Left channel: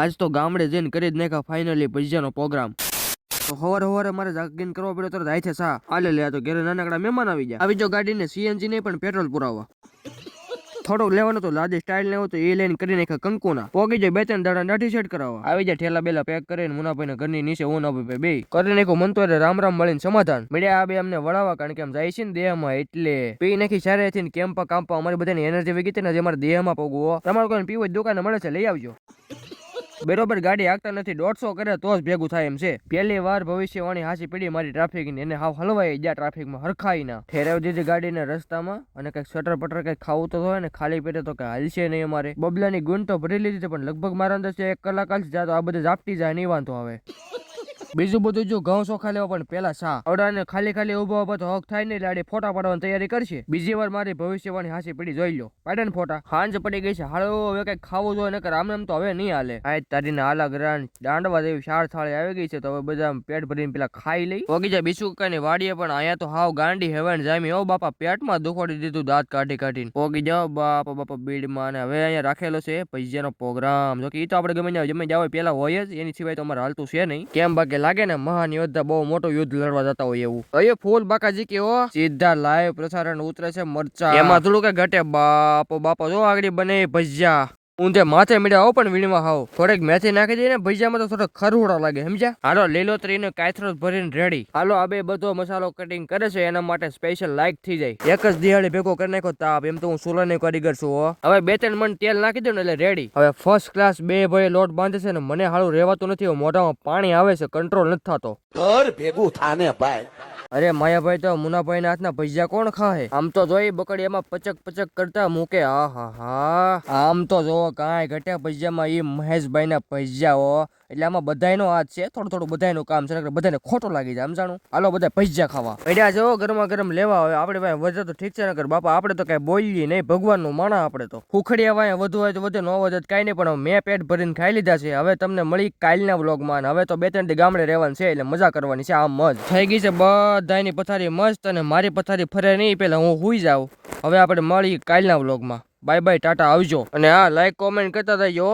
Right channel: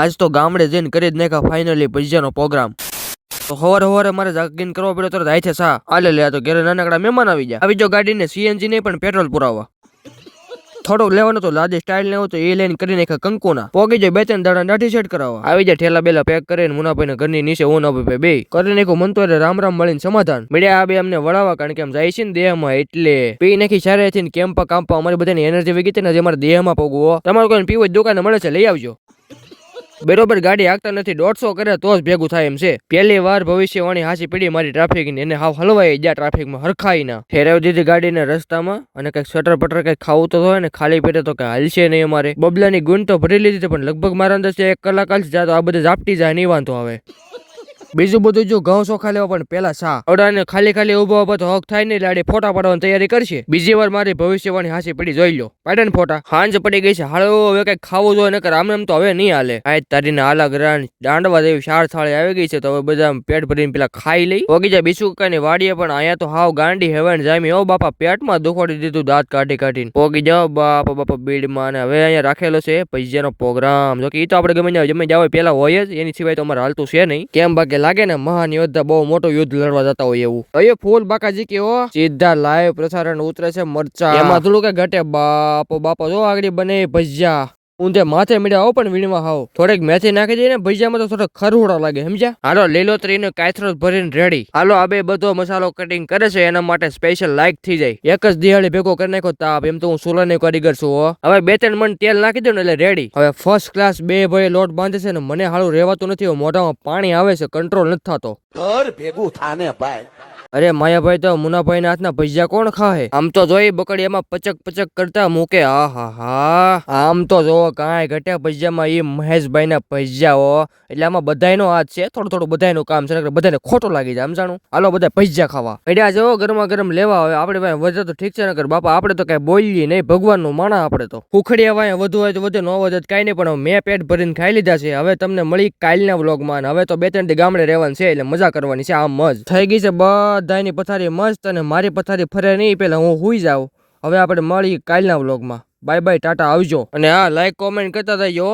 આજ તો ગામડે જઈને કરી જ નાખ્યા ફાઇનલી ભજીયાનો પ્રોગ્રામ. તો સવારે મારે જાગીને કરવો પડ્યો તરત આઈ છે સા આલે લે તો ઘરે નાનકડા મહેમાન આવી ગયા. આવી જો ગાડીને સીએનજી નહીં પણ પેટ્રોલ પુરાવા. થોડુંક લેવાનું તો લાદી સ્ટાઇલ લેવું તો એ લઈને કરી નાખ્યા કંકુના. પોગી જાય 2-3 દાડા દાઢી સેટ કરાવવા. આવી જાય ઠેલા બેલા પેક કરીને મુનાભાઈ ઘરની નીચે હું ના બે કરી નાખ્યું. મન તો રામ મળીને સમાધાન મળ્યા. આ બે અમને વળાવવા કારણ કે આમ જાય છે ને દેહમાં એટલે પી નાખી સારે થી કેમ્પા કામ્પા અમારી બધાની એનર્જી વગી હતી ને અમારા દેહમાં પોગવો. તમારે કોઈ પીવું દુકાને મળે છે લઈ આવજો. બરોબર ગાડી આગતા નથી 150 કરે તો જ ભેગું થાય એમ છે. પહેલી વાર ભવિષ્યવાણી હાસી પડી મારી ટ્રાફિક ની. એને હાવ હલવાઈ ગયા ટ્રાફિકમાં હરખાઈ ના ઠેરાવી દીધી ગાડીને રસ્તામાં. અને કઈક સટર પટર કઈક ખાવું તો હોય ને ખાલી પેટે તો કઈ હાલશે નહીં. અમારે બબલાની ગુણ તો ભરી લીધી પણ લગભગ મારા અંદર 1 કલાક હાલશે જા તો આ બધે ઝાપટી જાય નહીં વાંધો આવે. બીજું બધું જો ઘઉં ચોખા લેવા પણ પેલા સા અડાને ખાલી ઉભો ઉભો તો હક થાય નહીં. લાડે ફોટા પાડવાની તૈયારી કરશે. બીજી વાર મારી ભવિષ્યવાણી હાસી પડી જોઈ લો. પાડે ફોટા હાંજ પડી ગઈ છે. હાલો હવે કઈક ખાવું જોઈએ નકર આમ તો હવે નહીં હાલે. આ તારીને આલા ગ્રાન દાંડવા જેવી 4 થાળી આવી ગઈ છે તો હવે બધા પેટ ભરીને પેલા ખાઈ લઈ. ઓગી જાય બીજું કઈ વાડીએ પણ અહીંયા તો હાવ ગાંડી હેવાન જામી. ઓ બાપા પેટમાં દુખોડી દીધું દાંત કાઢીને પોગી જાઓ બાપા બીડમાં. અને હવે અહીંયા રાખેલો છે ભજીયાનો પ્રોગ્રામ. જો કે એ તો આપણે ગમે જમે જાવ પેલા હોય જ એની સિવાય તો અમારે હાલતું છે નહીં. કેમ બાકી લાગે ને મહાન યોદ્ધા બહુ મોટું યુદ્ધ લડવા જતા હોય એવું. અહીંયા ફૂલ બાકાજી કેવો સીધા લાઈવ પ્રસારણ ઉતરે છે મરચા. એમાં થોડું કઈ ઘટે બાપો જો આગળ બને ભજીયા. ઊંધે માથે મીડા આવો પણ વીણવા હાવ થોડીક મેથી નાખી દઈએ ને ભજીયામાં તો થોડોક ખરવડો લાગે સમજ્યા. હાલો લીલોતરીનો કાયથરો ભરીને રેડી. હાલો આ બે બધો મસાલો કટિંગ કરે છે એના માટે સ્પેશિયલ લાઈક થઈ જાય. એક જ દિહાડી ભેગો કરી નાખો તાપ. એમ તો હું સોલાની કારીગર છું. હવે 2-3 મણ તેલ નાખી દો ને એટલે રેડી. હવે ફર્સ્ટ ક્લાસ બે ભાઈ લોટ બાંધે છે ને મને હાલું રહેવાતું નથી. મોઢામાં પાણી આવે છે કંટ્રોલ નથી થતો. ઘર ભેગું થાને ભાઈ. અરે માયાભાઈ તો મુનાભાઈ ના હાથના ભજીયા કોણ ખાય. આમ તો જોઈ બકડી એમાં પચક કરતા મૂકે. હા આમ તો જો કાંઈ ઘટ્યા ભજીયામાં એ મહેશભાઈ ના ભજીયા એટલે આમાં બધાનો હાથ છે. થોડું બધાનું કામ છે બધાને ખોટું લાગી જાય સમજાણું. હાલો બધા ભજીયા ખાવા પડ્યા જો ગરમા ગરમ લેવા. હવે આપણે ભાઈ વધે તો ઠીક છે નકર બાપા આપણે તો કઈ બોલીએ નહીં. ભગવાન નું માણા આપણે તો ખુખડિયા વાય વધુ હોય તો વધે ન વધે કઈ નહીં. પણ મેં પેટ ભરીને ખાઈ લીધા છે. હવે તમને મળી કાલના વ્લોગમાં. હવે તો 2-3 દી ગામડે રહેવાનું છે એટલે મજા કરવાની છે. આમ જ થઈ ગઈ છે બધાની પથારી મસ્ત. અને મારી પથારી ફરે નહીં પેલા હું હુઈ જાઉં. હવે આપણે મળી કાલના વ્લોગમાં. બાય બાય ટાટા આવજો. અને હા લાઈક કોમેન્ટ કરતા જજો.